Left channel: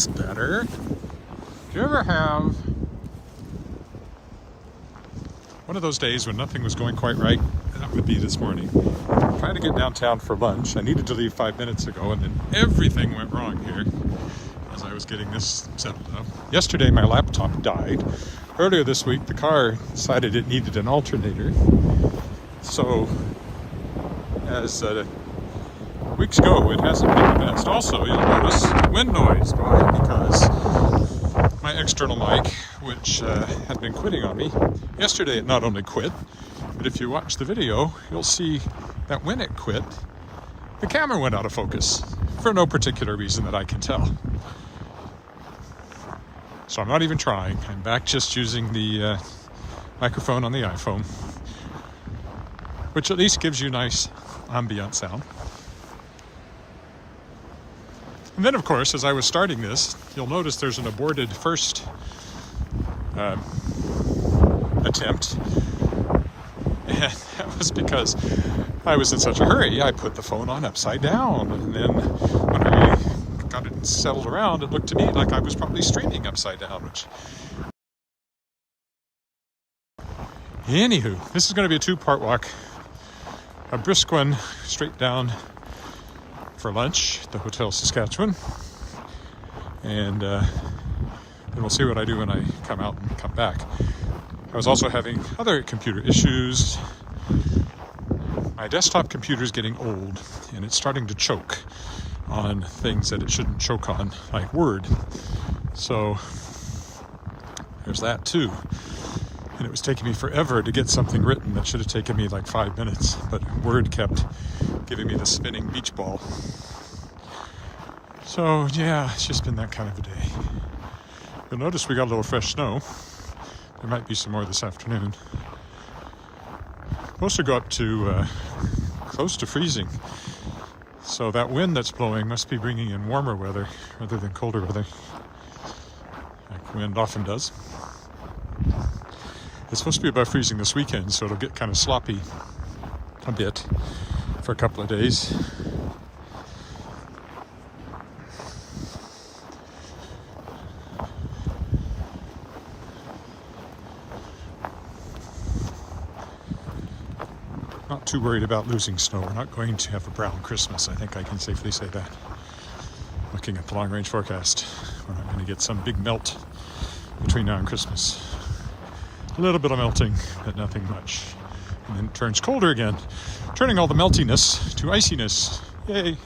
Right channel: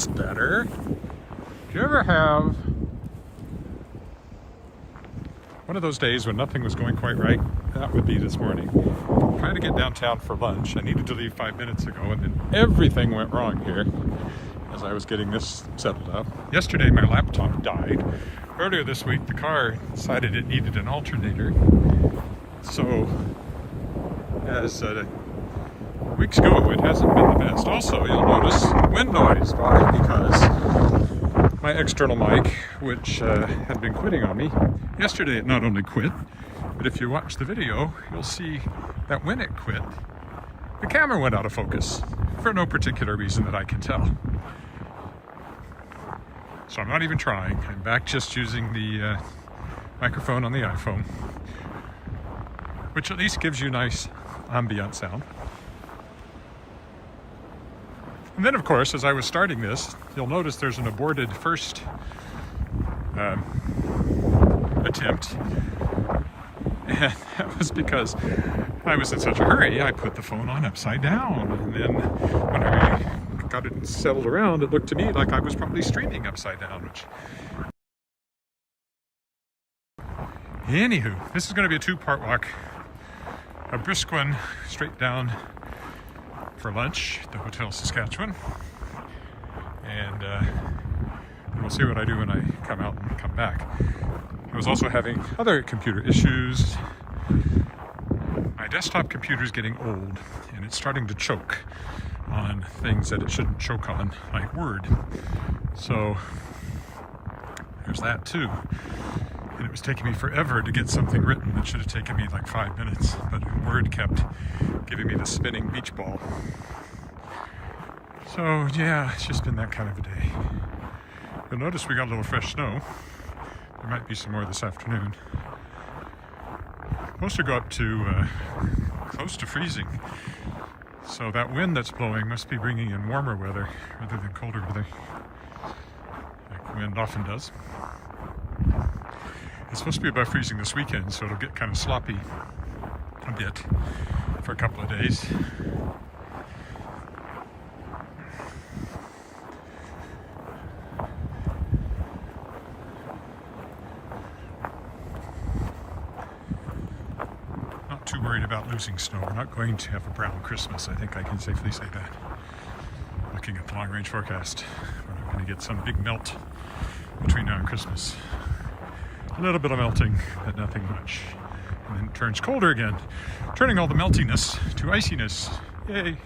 It's better. Do you ever have one of those days when nothing was going quite right? That would be this morning. Trying to get downtown for lunch. I needed to leave 5 minutes ago, and then everything went wrong here as I was getting this settled up. Yesterday my laptop died. Earlier this week the car decided it needed an alternator. So as weeks ago, it hasn't been the best. Also, you'll notice wind noise by because my external mic, which had been quitting on me, yesterday it not only quit, but if you watch the video, you'll see that when it quit, the camera went out of focus for no particular reason that I can tell. So I'm not even trying. I'm back just using the microphone on the iPhone, which at least gives you nice ambient sound. And then, of course, as I was starting this, you'll notice there's an aborted first attempt. And that was because I was in such a hurry. I put the phone on upside down. And then when I got it settled around, it looked to me like I was probably streaming upside down. Which... Anywho, this is going to be a two-part walk. A brisk one straight down for lunch at the Hotel Saskatchewan, and then we'll see what I do when I come out and come back. I was also having other computer issues. My desktop computer is getting old and it's starting to choke on things that it shouldn't choke on, like Word. So there's that too. And it was taking me forever to get something written that should have taken me like 5 minutes, but Word kept giving me the spinning beach ball. So yeah, it's just been that kind of a day. You'll notice we got a little fresh snow. There might be some more this afternoon. Supposed to go up to close to freezing. So that wind that's blowing must be bringing in warmer weather rather than colder weather, like wind often does. It's supposed to be above freezing this weekend, so it'll get kind of sloppy a bit for a couple of days. Not too worried about losing snow. We're not going to have a brown Christmas. I think I can safely say that. Looking at the long-range forecast, we're not going to get some big melt between now and Christmas. A little bit of melting, but nothing much. And then it turns colder again, turning all the meltiness to iciness. Yay!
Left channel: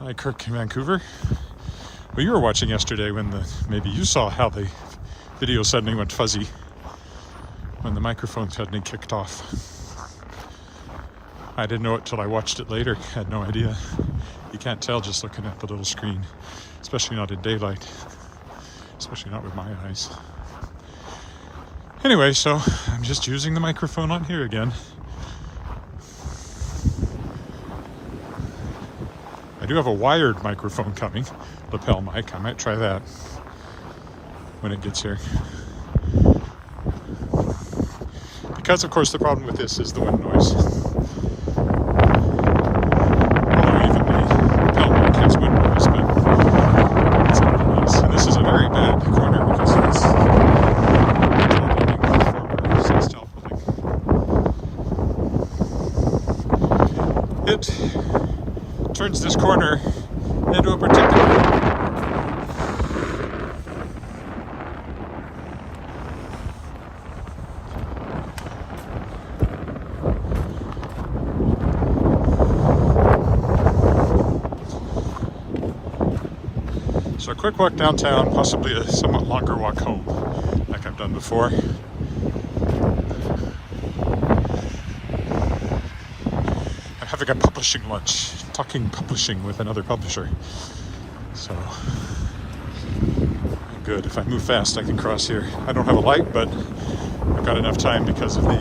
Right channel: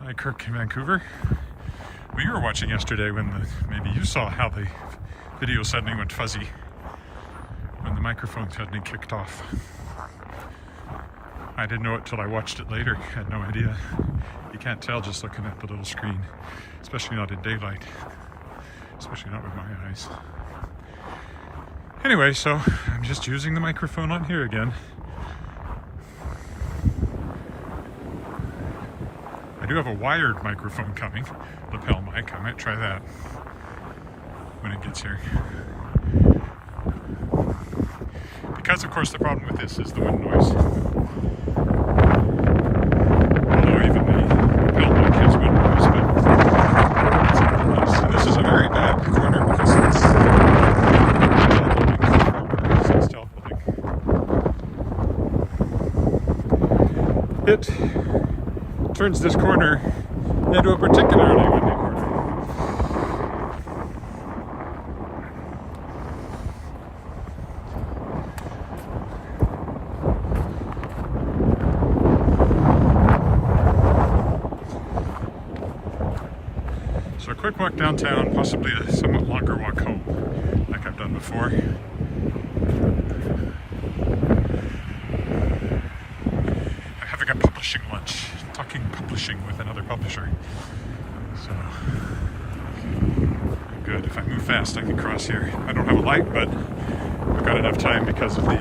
Hi, Kirk in Vancouver. Well, you were watching yesterday when maybe you saw how the video suddenly went fuzzy when the microphone suddenly kicked off. I didn't know it till I watched it later. I had no idea. You can't tell just looking at the little screen, especially not in daylight, especially not with my eyes. Anyway, so I'm just using the microphone on here again. I do have a wired microphone coming, lapel mic. I might try that when it gets here. Because, of course, the problem with this is the wind noise. Although even the lapel mic has wind noise, but it's not the case. And this is a very bad corner because it's it turns this corner into a particularly so a quick walk downtown, possibly a somewhat longer walk home, like I've done before. Having a publishing lunch, talking publishing with another publisher. So, good. If I move fast, I can cross here. I don't have a light, but I've got enough time because of the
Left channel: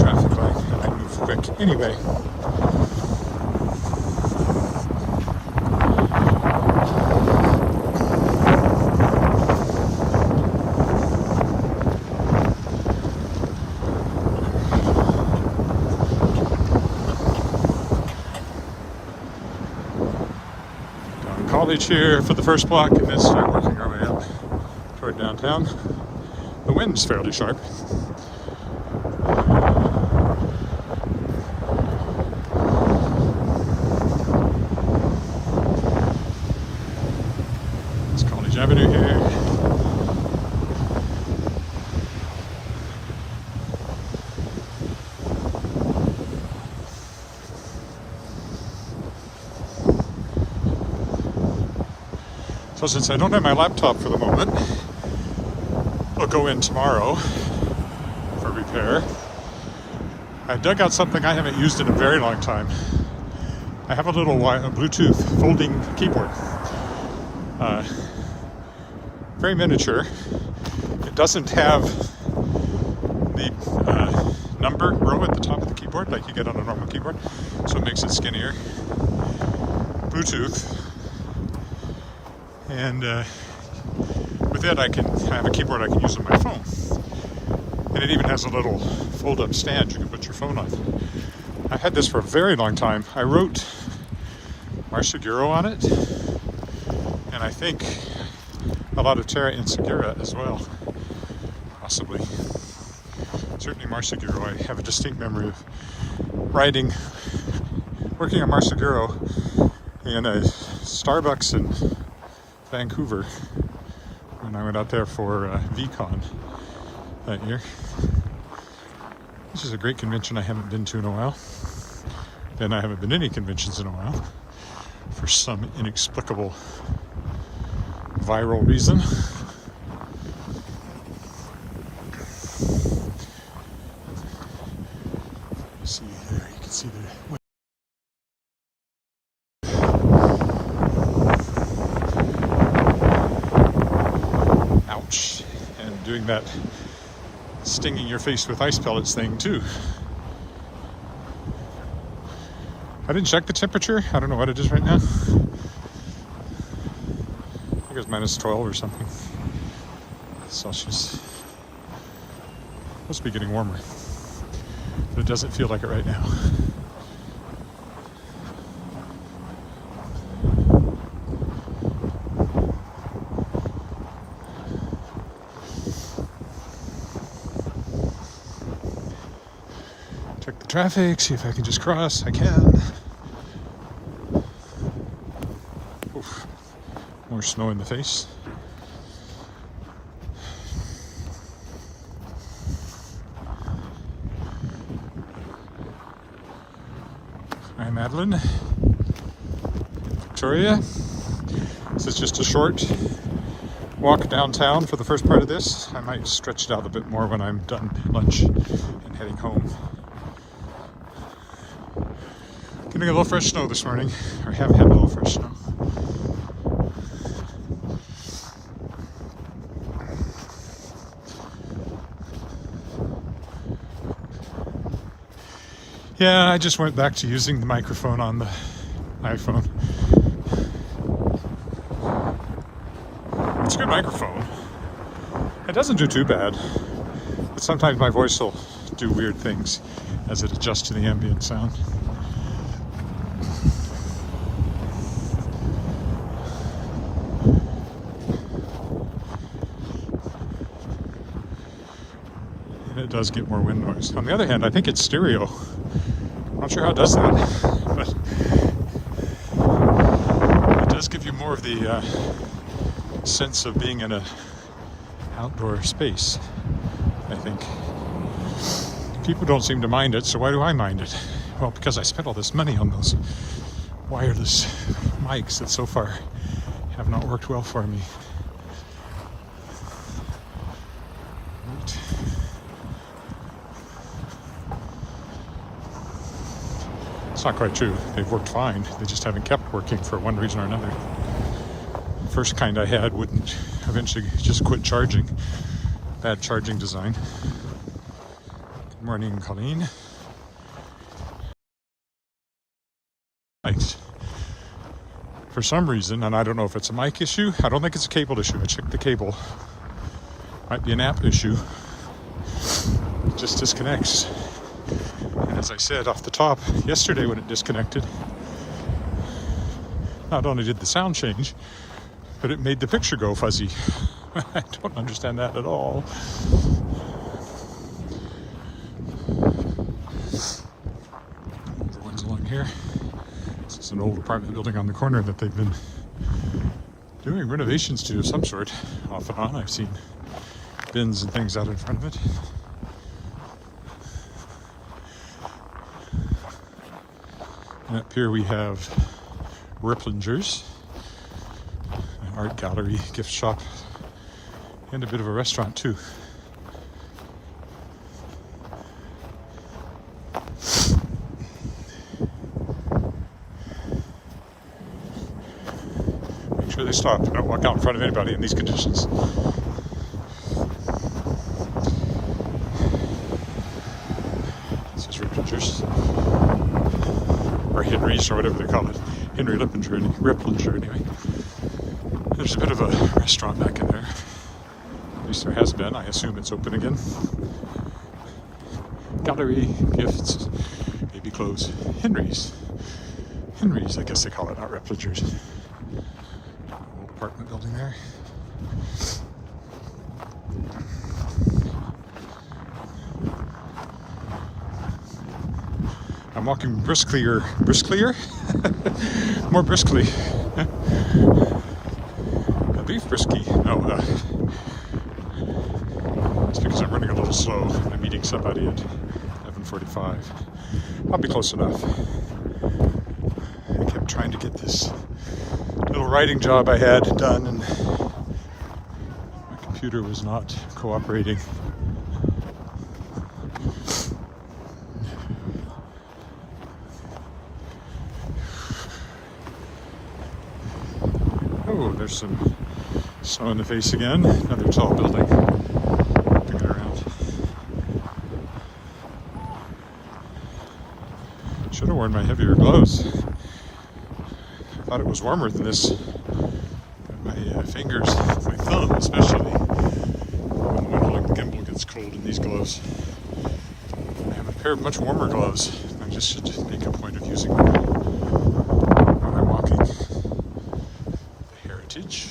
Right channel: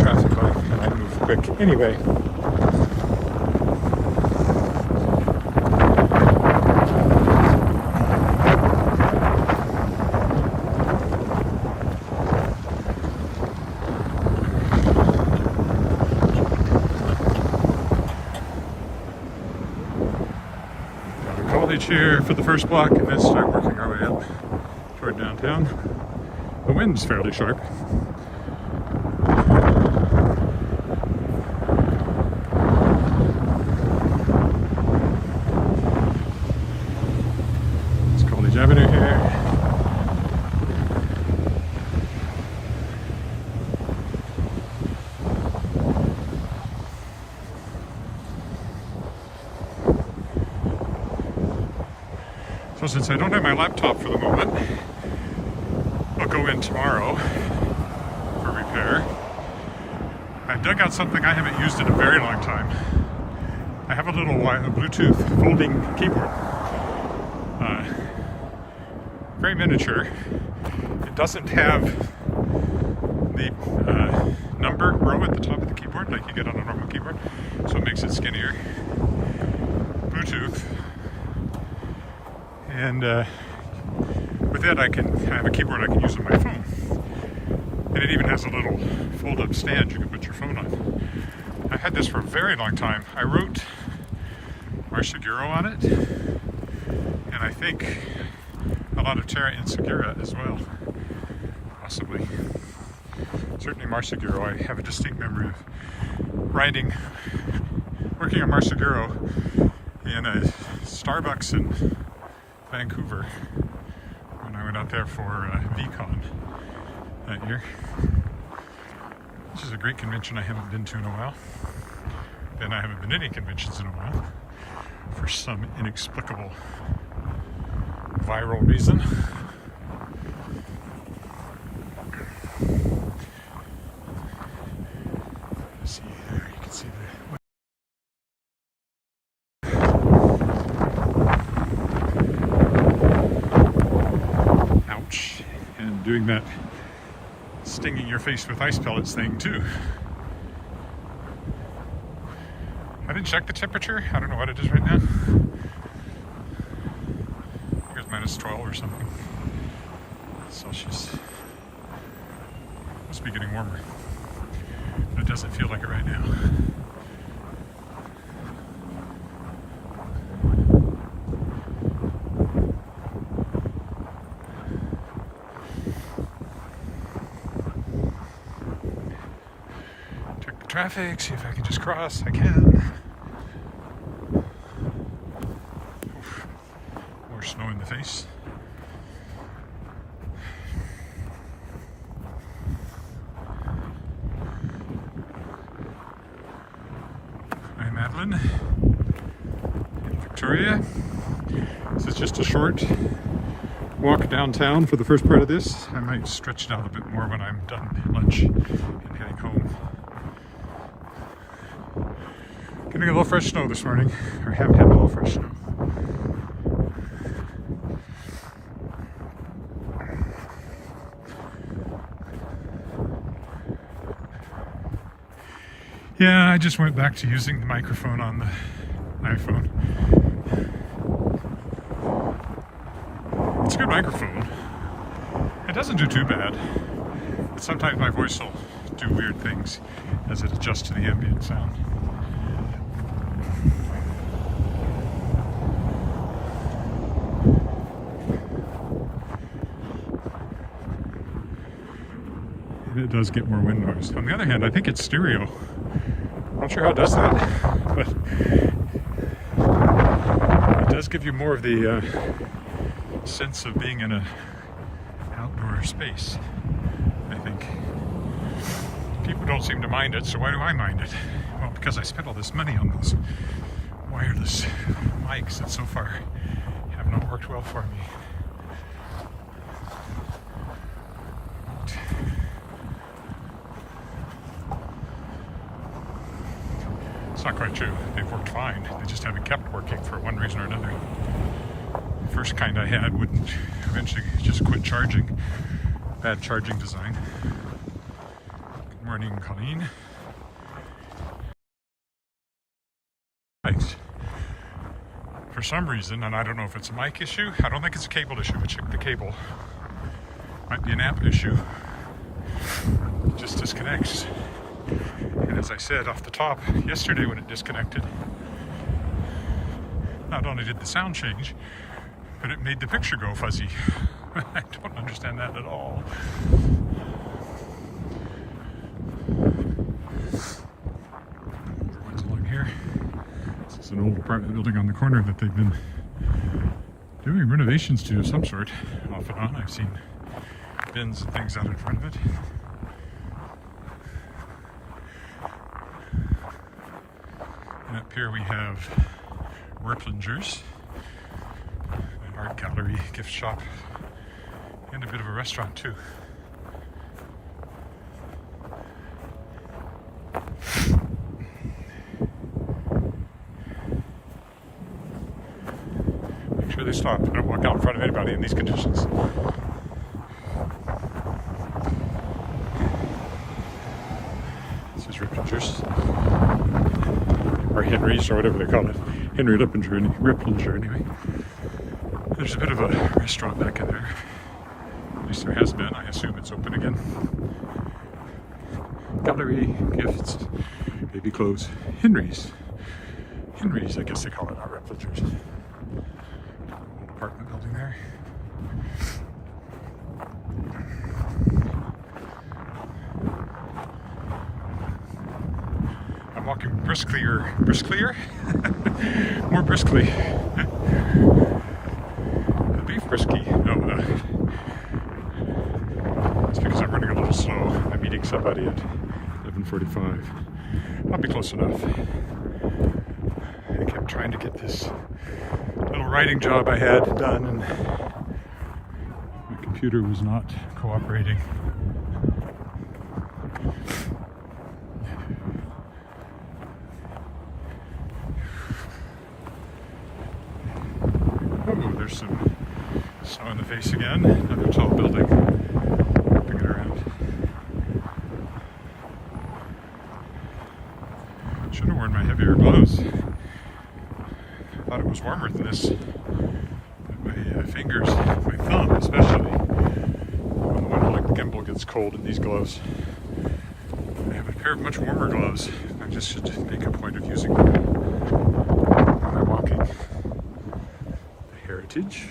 traffic light. I might move quick. Anyway. college here for the first block and then start working our way up toward downtown. The wind's fairly sharp. It's College Avenue here. So since I don't have my laptop for the moment, I'll go in tomorrow for repair. I've dug out something I haven't used in a very long time. I have a little Bluetooth folding keyboard. Very miniature. It doesn't have the number row at the top of the keyboard like you get on a normal keyboard, so it makes it skinnier. Bluetooth. And with it, I have a keyboard I can use on my phone. And it even has a little fold-up stand you can put your phone on. I had this for a very long time. I wrote Marseguro on it, and I think a lot of Terra Insegura as well, possibly. Certainly Marseguro. I have a distinct memory of working on Marseguro in a Starbucks in Vancouver when I went out there for VCon that year. This is a great convention I haven't been to in a while. And I haven't been to any conventions in a while for some inexplicable viral reason. See there, you can see the and doing that stinging your face with ice pellets thing too. I didn't check the temperature. I don't know what it is right now. I think it's minus 12 or something Celsius. Must be getting warmer, but it doesn't feel like it right now. Traffic, see if I can just cross. I can. Oof. More snow in the face. Hi, Madeline. Victoria. This is just a short walk downtown for the first part of this. I might stretch it out a bit more when I'm done lunch and heading home. Getting a little fresh snow this morning, or have had a little fresh snow. Yeah, I just went back to using the microphone on the iPhone. It's a good microphone. It doesn't do too bad, but sometimes my voice will do weird things as it adjusts to the ambient sound. It does get more wind noise. On the other hand, I think it's stereo. I'm not sure how it does that, but it does give you more of the sense of being in an outdoor space, I think. People don't seem to mind it, so why do I mind it? Well, because I spent all this money on those wireless mics that so far have not worked well for me. It's not quite true. They've worked fine. They just haven't kept working for one reason or another. The first kind I had wouldn't eventually just quit charging. Bad charging design. Good morning, Colleen. For some reason, and I don't know if it's a mic issue, I don't think it's a cable issue. I checked the cable. Might be an app issue. It just disconnects. And as I said off the top yesterday when it disconnected, not only did the sound change, but it made the picture go fuzzy. I don't understand that at all. Other ones along here. This is an old apartment building on the corner that they've been doing renovations to of some sort, off and on. I've seen bins and things out in front of it. And up here we have Ripplingers, an art gallery, gift shop, and a bit of a restaurant too. Make sure they stop. Don't walk out in front of anybody in these conditions. This is Ripplingers, or Henry's, or whatever they call it. Henry Ripplinger anyway. There's a bit of a restaurant back in there. At least there has been. I assume it's open again. Gallery, gifts, baby clothes. Henry's, I guess they call it, not Ripplingers. Old apartment building there. I'm walking brisklier? More briskly. Beef brisky. No, it's because I'm running a little slow. I'm meeting somebody at 11:45. I'll be close enough. I kept trying to get this little writing job I had done, and my computer was not cooperating. Oh, there's some snow in the face again. Another tall building. Bring it around. Should have worn my heavier gloves. Thought it was warmer than this. My fingers, my thumb especially, when the one holding the gimbal gets cold in these gloves. I have a pair of much warmer gloves. I just should make a point of using them when I'm walking. The Heritage.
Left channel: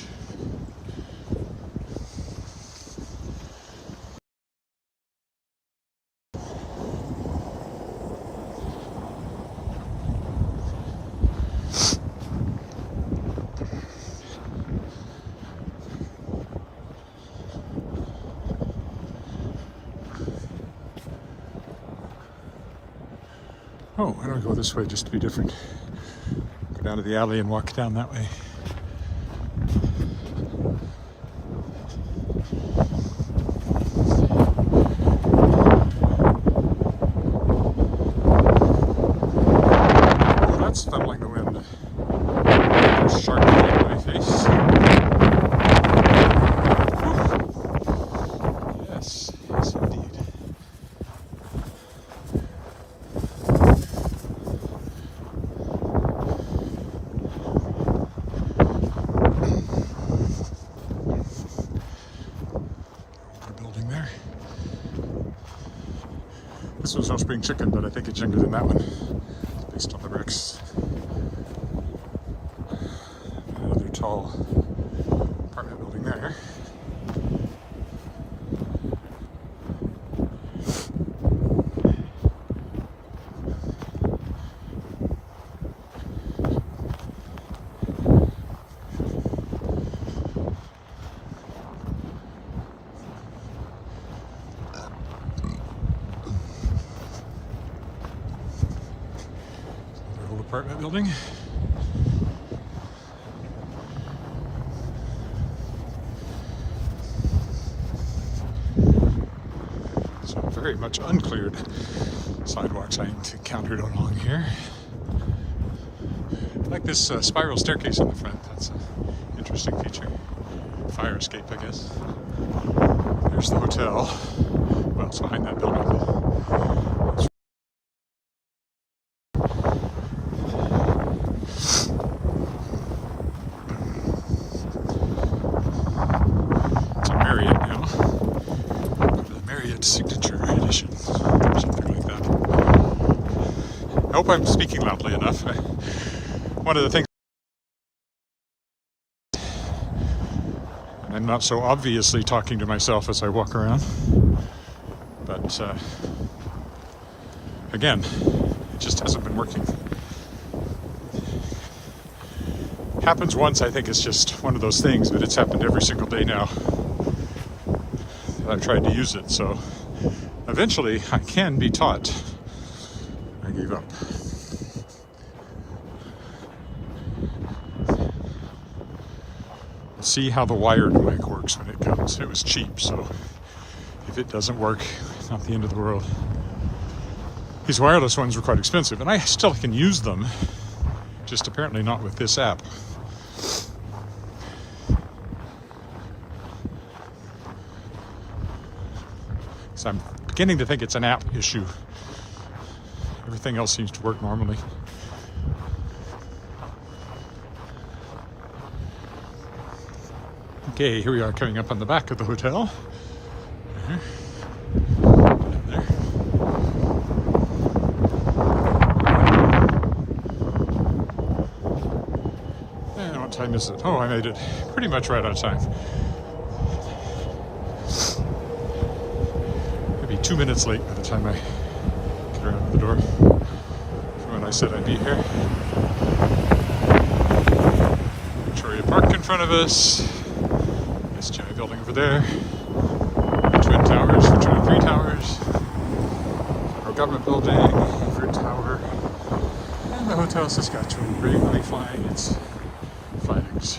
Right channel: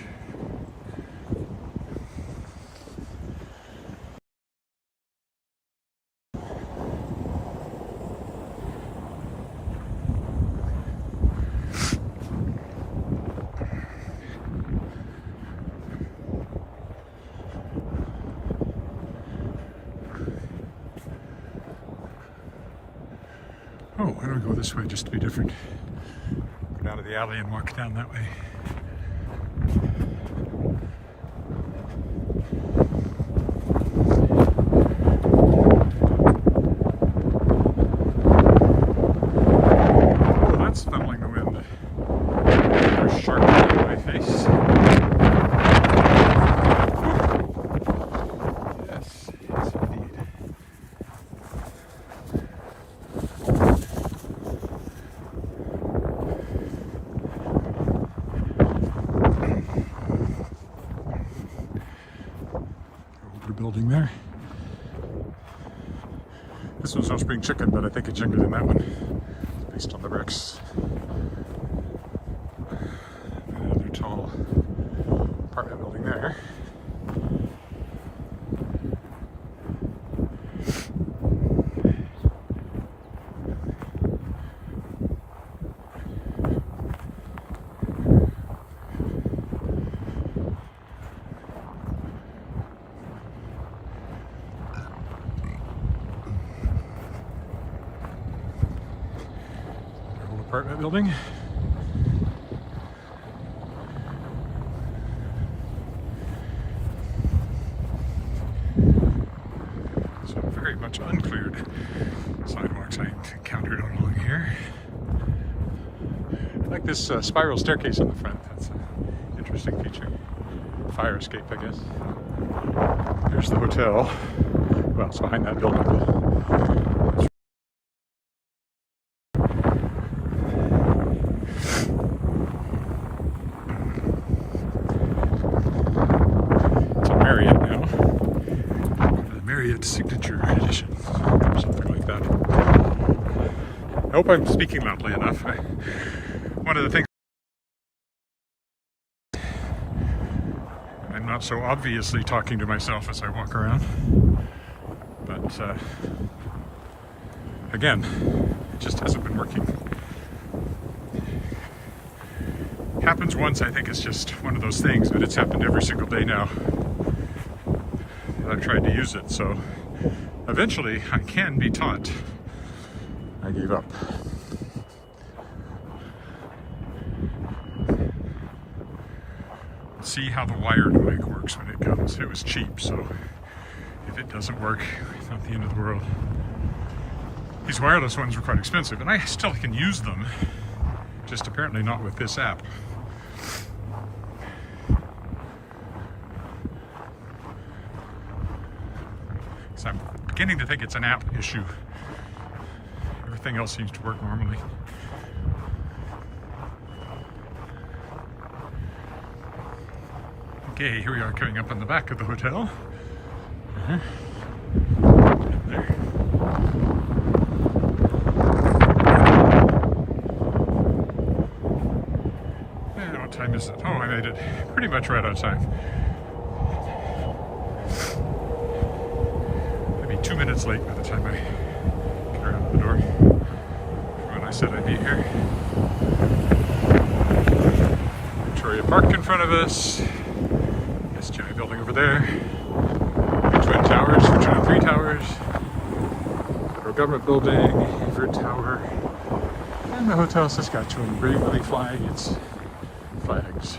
Oh, why don't I go this way just to be different? Go down to the alley and walk down that way. Oh, that's stumbling the wind. There's sharp in my face. Yes, yes indeed. Building there. This one's no spring chicken, but I think it's younger than that one. It's based on the bricks. Another tall apartment building there. Apartment building. So very much uncleared sidewalks I encountered along here. I like this spiral staircase in the front. That's an interesting feature. Fire escape, I guess. Here's the hotel. Well, it's behind that building. Signature edition, something like that. I hope I'm speaking loudly enough. One of the things And I'm not so obviously talking to myself as I walk around. But again, it just hasn't been working. Happens once, I think it's just one of those things, but it's happened every single day now that I've tried to use it. So eventually I can be taught. I gave up. Let's see how the wired mic works when it comes. It was cheap, so if it doesn't work, it's not the end of the world. These wireless ones were quite expensive, and I still can use them, just apparently not with this app. So I'm beginning to think it's an app issue. Everything else seems to work normally. Okay, here we are coming up on the back of the hotel. There. And what time is it? Oh, I made it pretty much right on time. Maybe 2 minutes late by the time I get around the door from when I said I'd be here. Victoria Park in front of us. This giant building over there. The Twin Towers, the Three Towers. Federal Government Building, Everett Tower. And the Hotel Saskatchewan bravely flying its flags.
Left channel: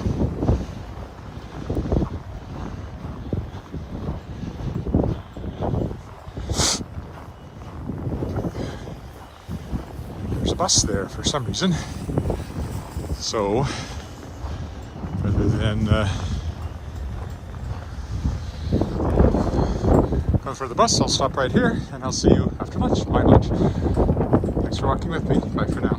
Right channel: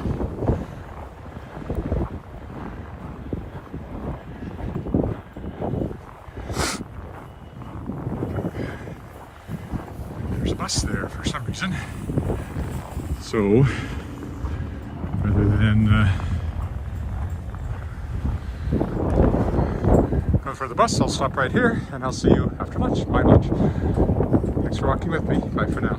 There's a bus there for some reason. So, rather than go for the bus, I'll stop right here and I'll see you after lunch, my lunch. Thanks for walking with me. Bye for now.